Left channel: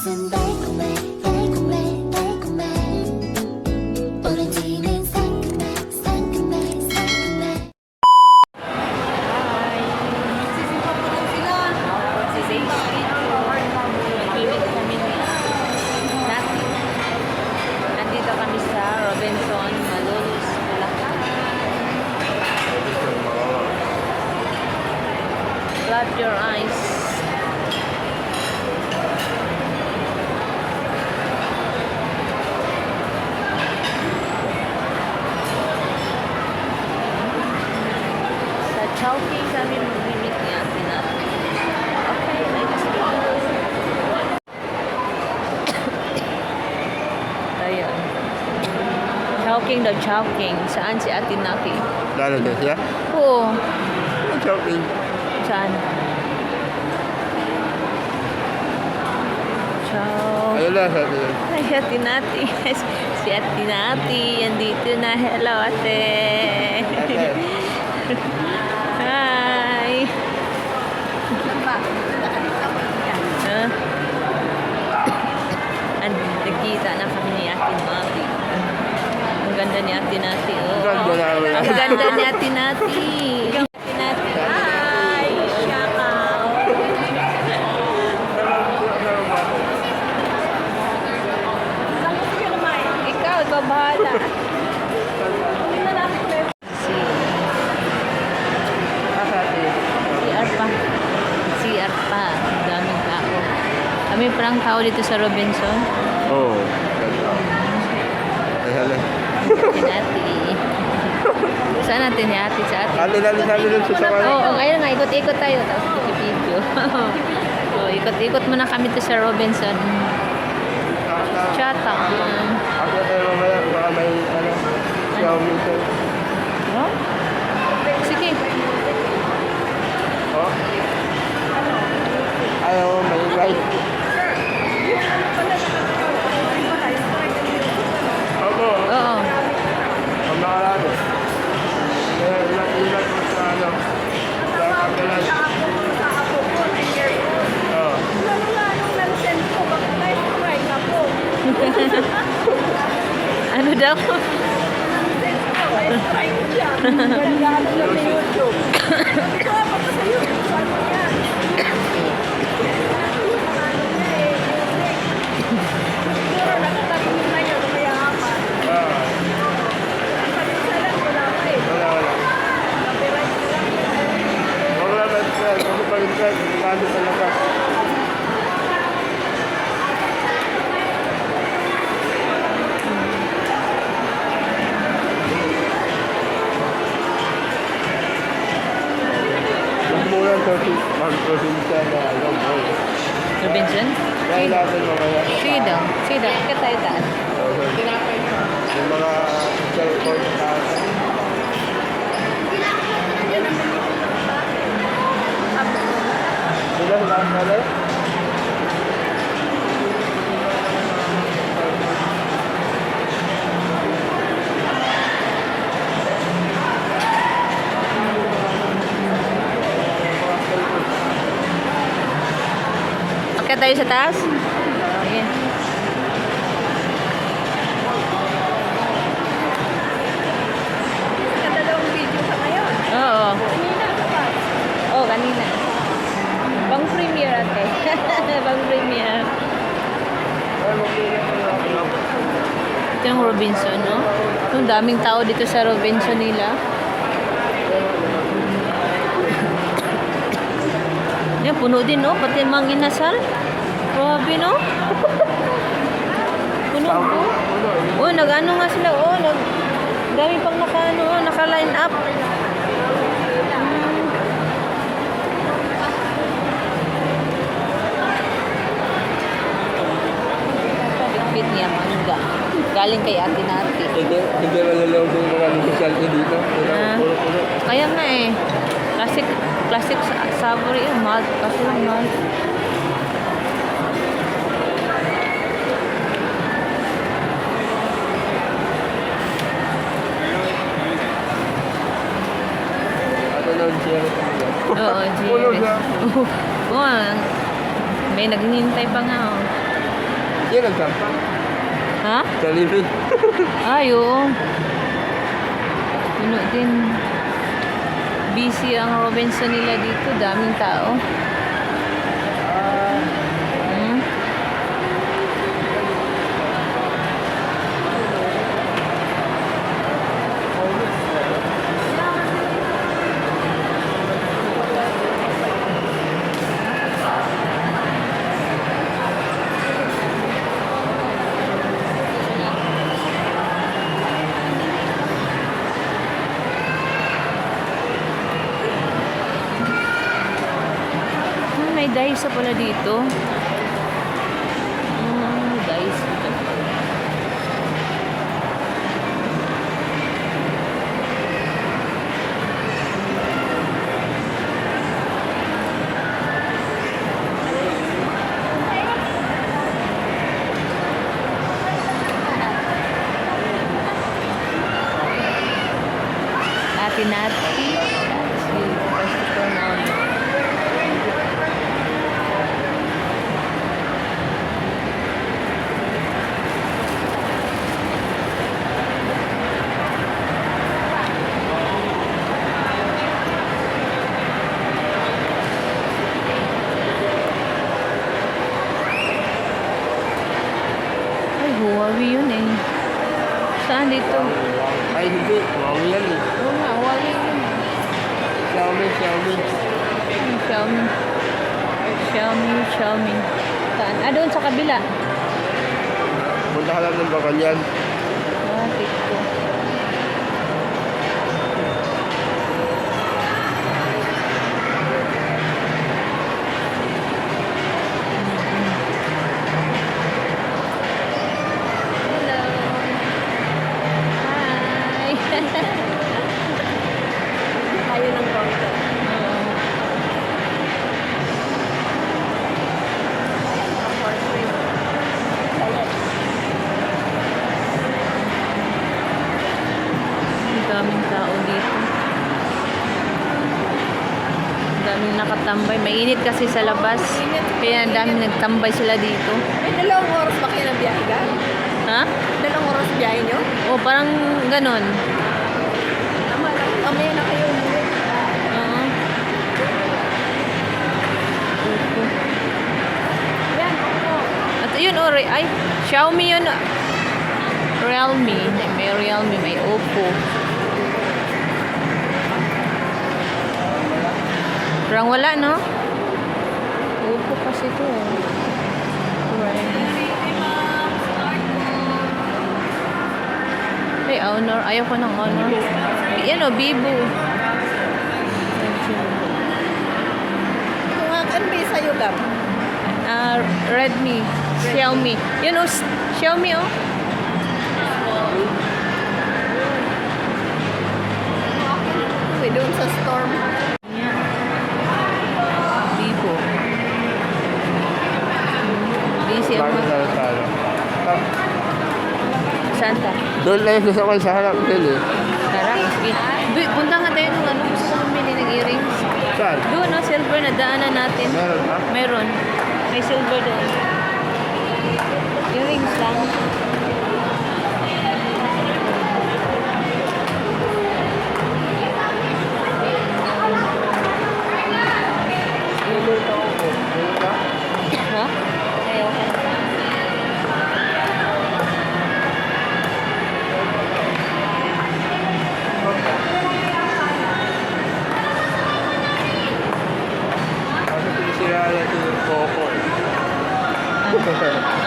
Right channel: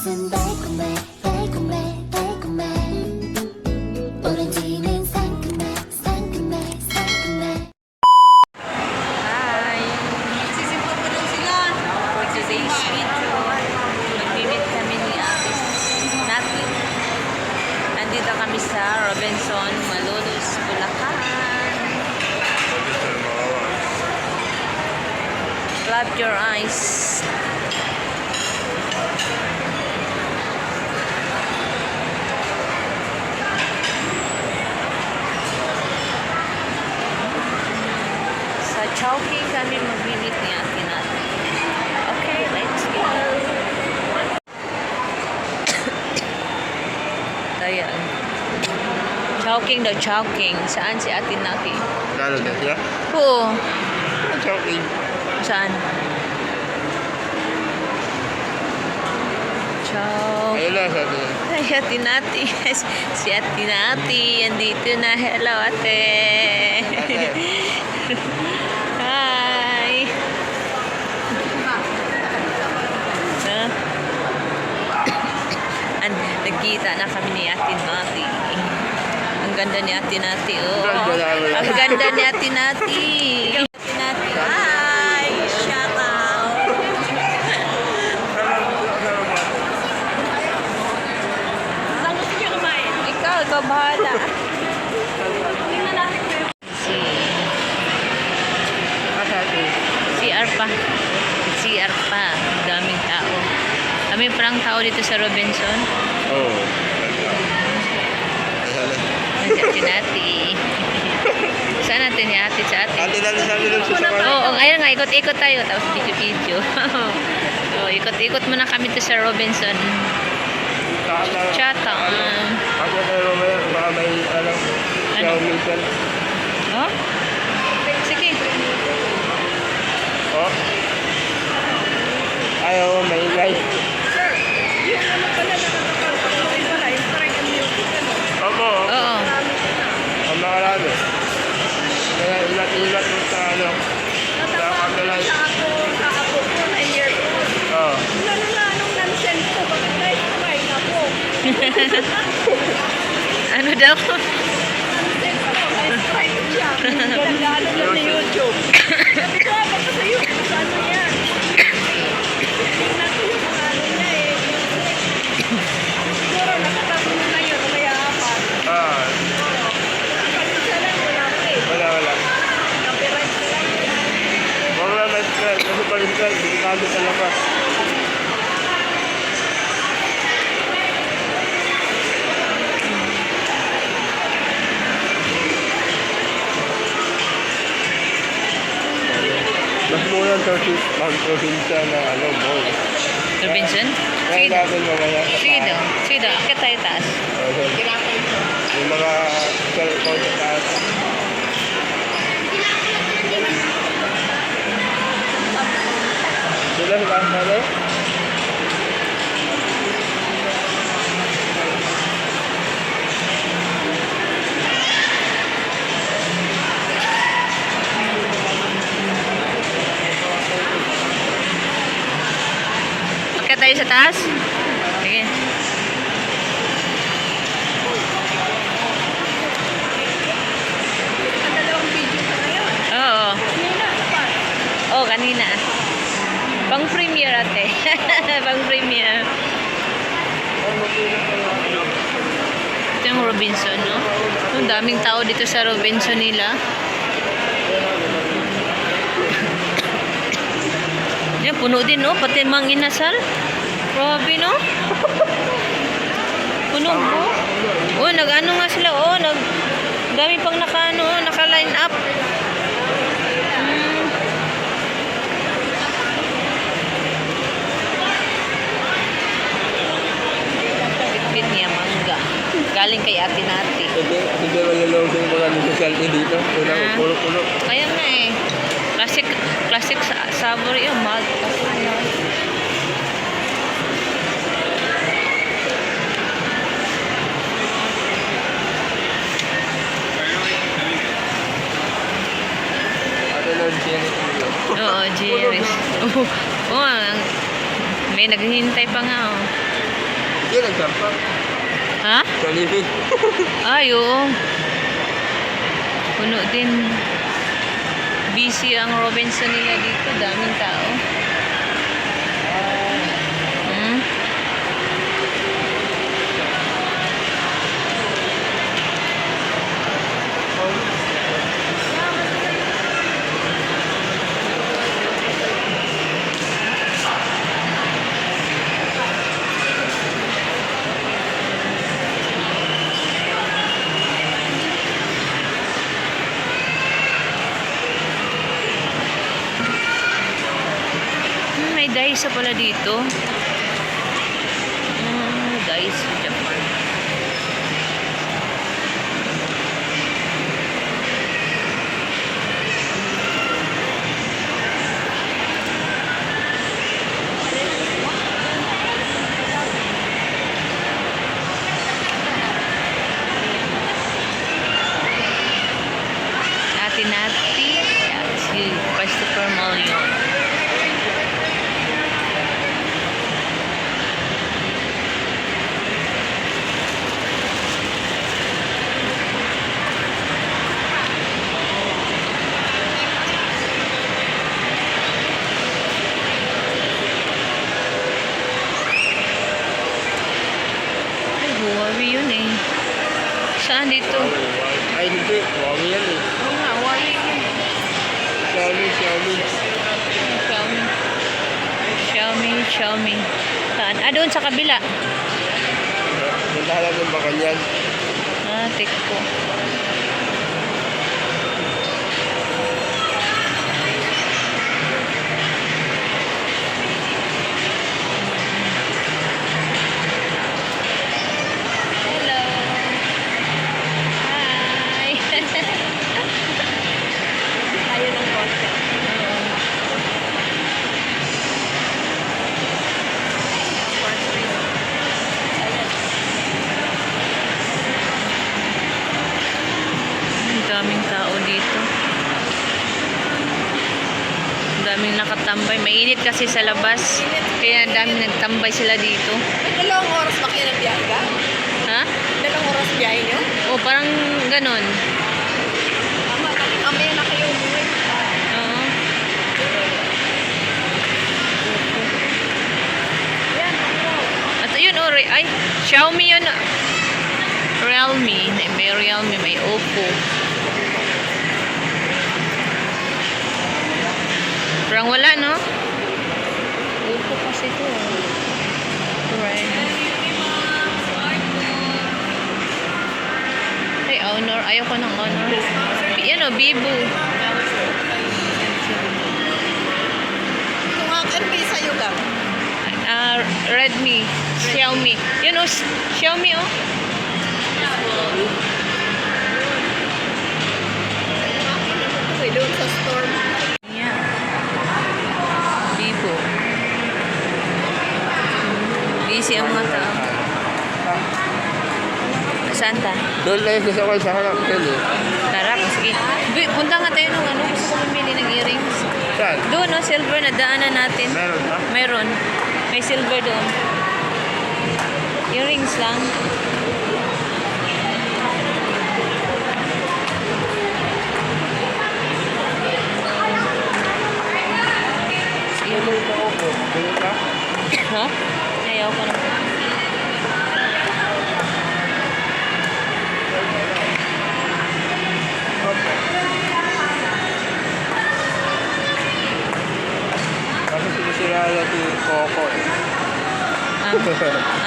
입맛은 달콤해 달콤해 달콤해 오렌지는 상큼해 상큼해 상큼해. Hi! For today's video, mag-meet kami ni Nati. Nandito kami sa Robinson, Malolos, Bulacan. Clap your eyes. Sa Chowking kami mag-meet ni Ate Nati. Okay, let's go. Ayan. Chowking daw, Chowking. Saan si Ate Nati? Lalo na siya? Oo. Shopping. Saan? Chow. Ayun na, sabi niya. Ay, Ate Nati. Si Ate Nati. Andito na. Hello, ate. Hi. Huh? Nagkita na kami ni Ate Nati. Ang ganda ni Ate Nati, oh. Ang ganda ni Ate Nati. Ate Nati. Hi. Shout out. Ikaw bahala. CR pa. CR pa. Ang daming tao. Kami parang tao dito sa Robinson. Oo. Ayun na. Si Ate Nati. Saan natin ni Ate sa Ate? Ate natin sabi ng susakan. Oo, ayun nga, ikot-ikot tayo. Tapos video-video. So, ikot-ikot muna kami to sa Robinson. Chatham. Ate tayo mamaya. Wala may ano. Robinson. Oh? Sige. Oh. Ayaw mo may light. Opo. Oo. Ang makarado. Kaya ilat-ilat mo sa ano. Sa katulan. Oo. Ano daw? Ah. Wala. Wala na stress. Kasi pag stress, bago sa labas. Mas mura mag-provincia na ano, mall. Robinson? Sige Kaya daw. natin mamaya. Sige daw. Sige daw. Akit tayo taas. Yung mga cellphone sa taas. Sila ba pala? Akit tayo sa taas? Sige. Oo. Oo, kanina. Pang premiere ate. Pang premiere. Ito yung Robinson, no? Ang daming tao dito sa Robinson nila. Yan, puno din, no? Pati mga inasal. Grabe, no? Puno po. Oh, nag-ano nga sila, oh. Dami pang naka-line up. Bitbit niya, mangga. Galing kay Ate Nati. Hindi malalawag yung mga negosyante dito. Puno. Ayan na eh. Classic savory yung malt. Kasi yung malt. Lord Jerry. Oo, Jerry. Oo, may naghihintay pa nga. Oh. Yan ang champa. Ha? Kalipid. Ay, oo. Puno din. Busy ang Robinson nila dito. Daming tao. Hmm? May Daiso pala dito. Daiso, Japan. Nati si Christopher Mall yun. Ay, Huawei yun eh. Saan dito? Ay, hindi. Huwag yan eh. Oo nga, Huawei yun. Xiaomi. Saan? Ah, doon sa kabila. Punta ka lang ng Bacanyan. Ah, tik ko. Hello. Hi. Ayun ang bangka. Ang daming tao dito. Ang daming nakatambay. Mainit kasi sa labas. Kaya ang daming nagtambay sila dito. Dalawang oras ba kayo ng biyahe ka? Ha? Dalawang oras biyahe nyo? O, parang ganon. Mamaya na kayo umuwi. Oo. At yun, ay, Xiaomi yun. Realme. May Realme, may Oppo. Parang wala, no? Oppo kasi ito. Right. Ay, Honor. Ayoko ng Honor. Yan o, Vivo. Kung ano ba yung sa'yo ka? Redmi. Xiaomi. Yun o, Xiaomi o. Uy, doon sa store. Yan. Vivo. Busy ang mga tao. Santa. Doon na yung sasakay sa harap ko eh. Tara, sige. Punta nga tayo nung ano. Gusto ko bumili ng earrings. Saan? Doon, no? Silver na daanan natin. Meron ba? Meron. May silver doon. Earrings lang. Ha? Ayaw ko na. Kasi sinisira natin yung Coco.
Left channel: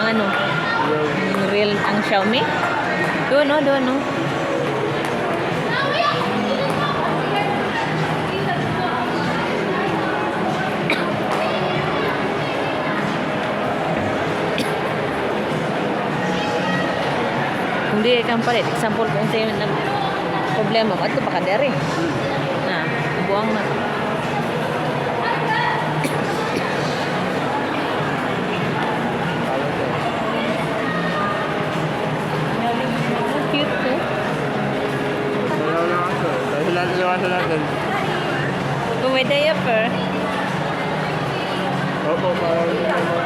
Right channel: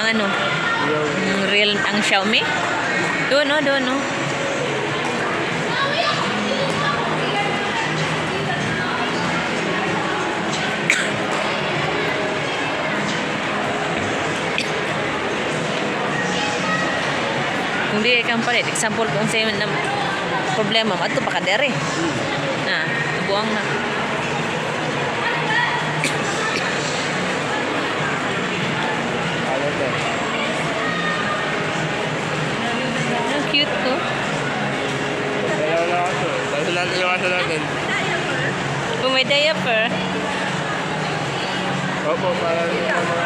Ang ano? Ang real, ang Xiaomi? Doon, no? Doon, no? Kung di kang palit, example kung sa'yo na problema mo, ito pa ka dere. Na, nabuang na. Ang cute to. Wala na ako. Dahil natin yung aso natin. Kung may diaper, Opo, parang yung mga...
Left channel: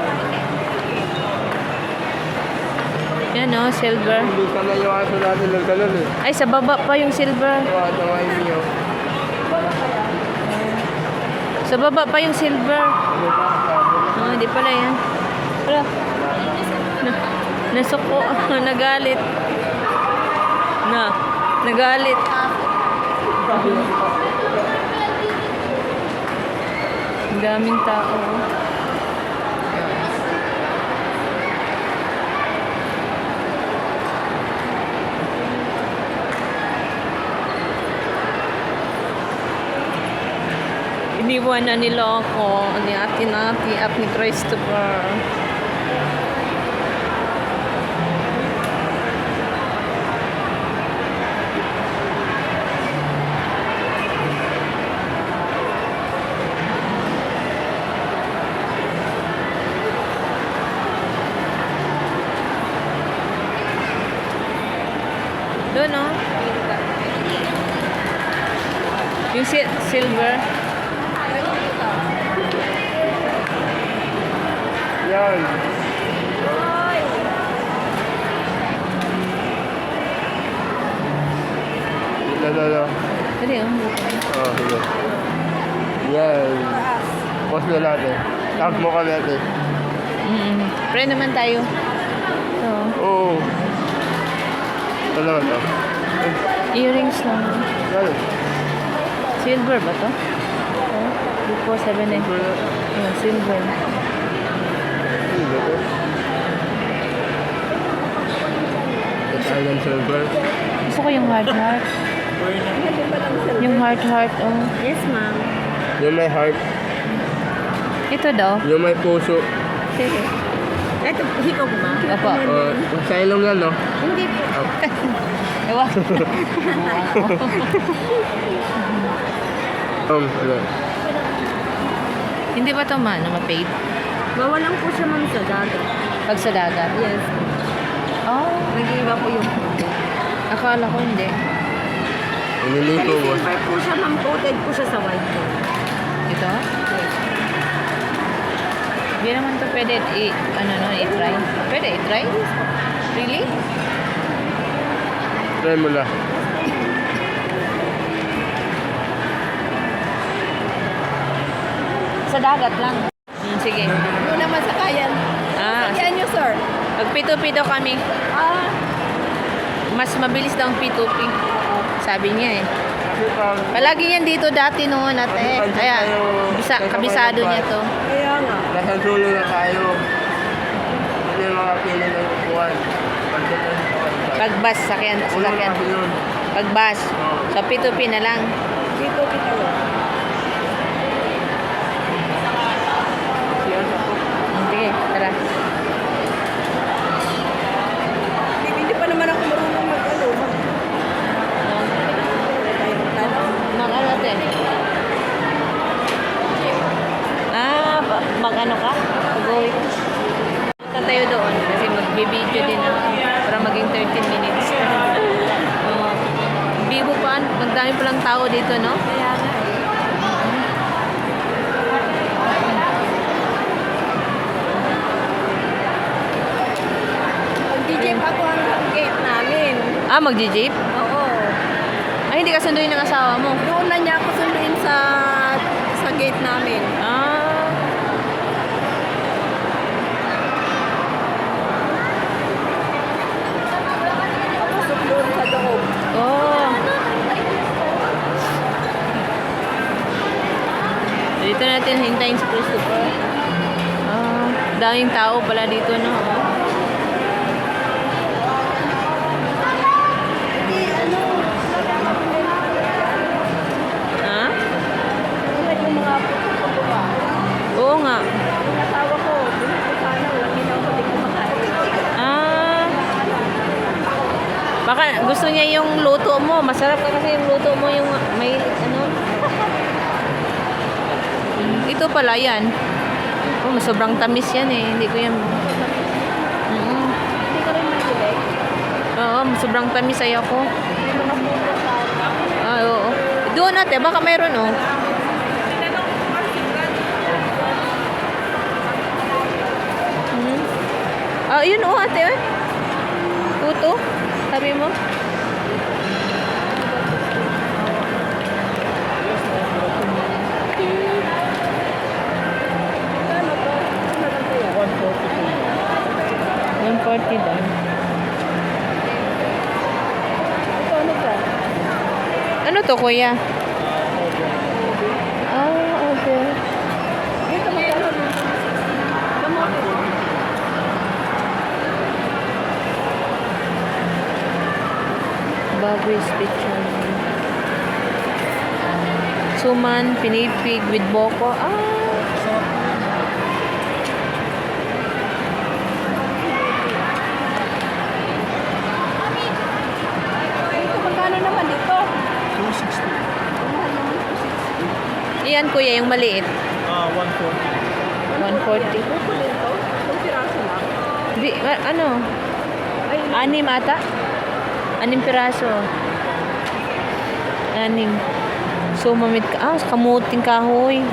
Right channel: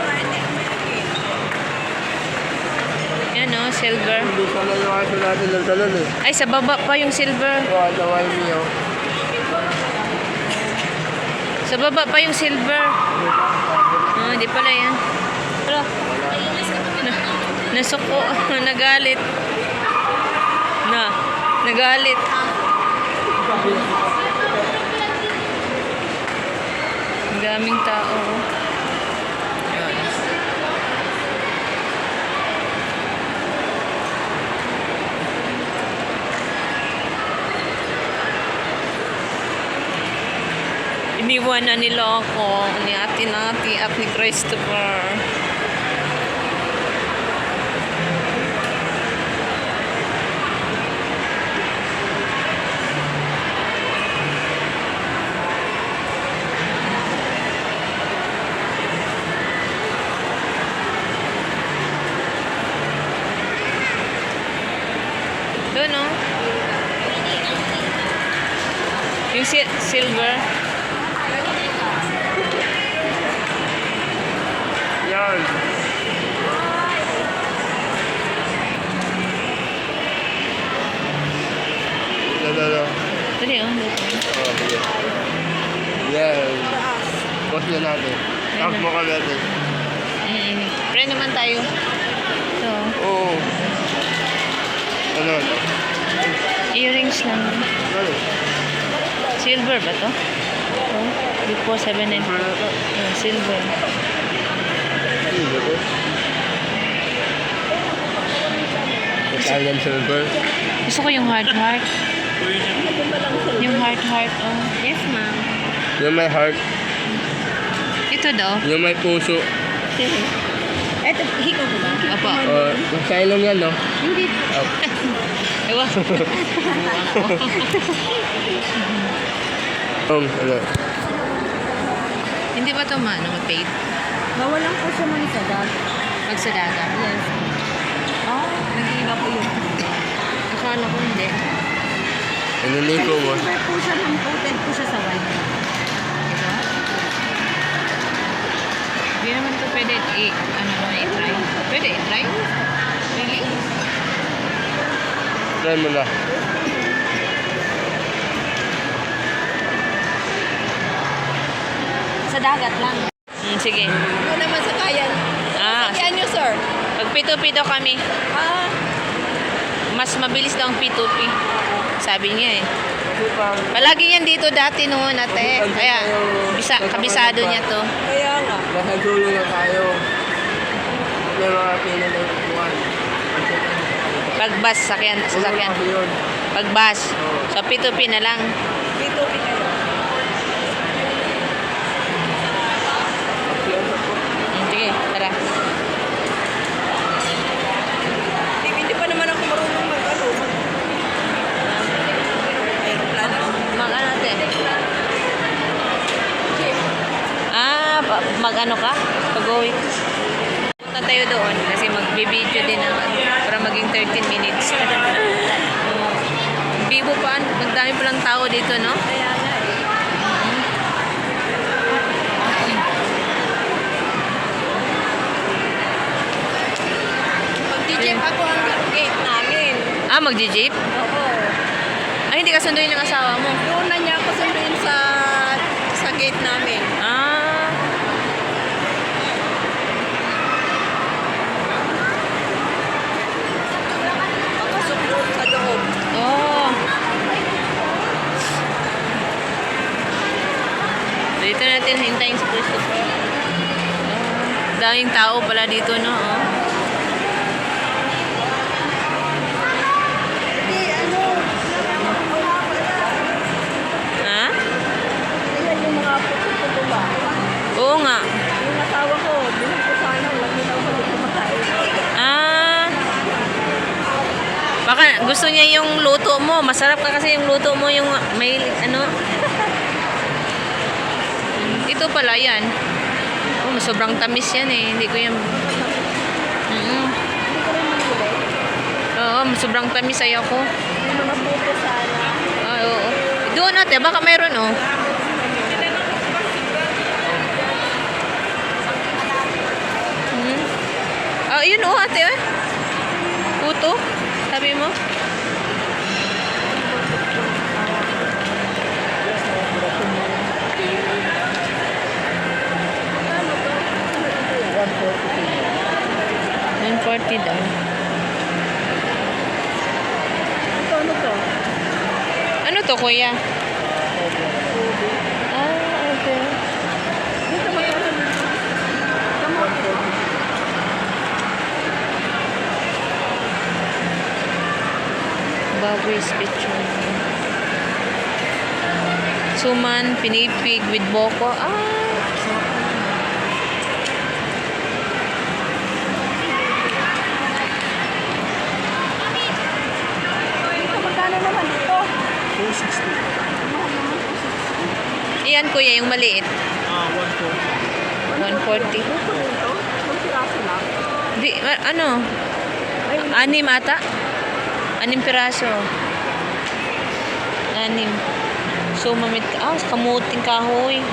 Yan o, silver. Hindi pala yung aso natin ng talon eh. Ay, sa baba pa yung silver. Oo, tawal niyo. Sa baba pa yung silver. Oh, hindi pala yan. Wala. Nasuko. Nagalit. Nagalit. Ang daming tao. Yan. Iniwan na nila ako ni Ate Nati at ni Christopher. Doon, no? Yung silver. Yan. Yan. Dali, oh. Oh, sige. Yan. Post na natin. Tap mo ka natin. Pray naman tayo. Ito. Oo. Ano na? Earrings lang. Ano? Silver ba to? Oh, Lipo 794. Oh, silver. Italian silver. Gusto ko yung heart. Yung heart, oh. Yes, ma'am. Yung may heart. Ito daw. Yung may puso. Ito, hikaw ko ba? Opo. Sa ilong yan, no? Hindi. Oh. Ewa. Ano? Hindi ba ito ma-paid? Bawal lang po siya, ma'am, sa dagat. Pag sa dagat? Yes. Nag-iiba po yung Akala ko hindi. Nililiko mo. silver po siya, ma'am. Coated po siya sa white. Ito? Hindi naman ito pwede i-try. Pwede i-try? Really? Try mo na. Sa dagat lang. Sige. Ano naman sa kayan? Yan nyo, sir. Pag P2P daw kami, mas mabilis daw ang P2P. Sabi niya eh. Palagi yan dito dati noon ate. Kaya kabisado niya to. Kaya nga. Dasal sulo na tayo. Hindi yung mga pila na yung upuan. Pag bus, sasakyan. Pag bus. So P2P na lang. Dito, dito. Sige, tara. Hindi pa naman ako marunong Mag-ano ate? Mag-ano ka? Pag-uwi ka? Punta tayo doon kasi mag-video din para maging 13 minutes. Bibo pa, magdami palang tao dito, no? Mag-jeep ako ang gate namin. Mag-jeep? Ay, hindi ka sunduin ng asawa mo. Doon na niya ako sunduin sa gate namin. Tapos doon sa loob. Oh. Dito natin hintayin si Christopher. Daming tao pala dito, no? Oh. Oo nga. Baka gusto niya yung luto mo. Masarap ka kasi yung luto mo, yung may ano. Ito pala yan. Oh, sobrang tamis yan eh. Hindi ko yan. Oo, sobrang tamis ayaw ko. Oo. Doon ate, baka mayroon oh. Yun oh ate. sabi mo? Ano to? Ano lang kaya? 140 daw. Ito ano to? Ano to, kuya? Ah, okay. Dito magkano naman? Kamote to? Baboy special. Suman, pinipig with boko. Dito magkano naman ito? 260. Mahal naman. Iyan, kuya, yung maliit. 140. 140. Buko nito? Kung siraso lang. Di, ano? Ay, 6 ata? 6 piraso. 6. So, kamuting kahoy.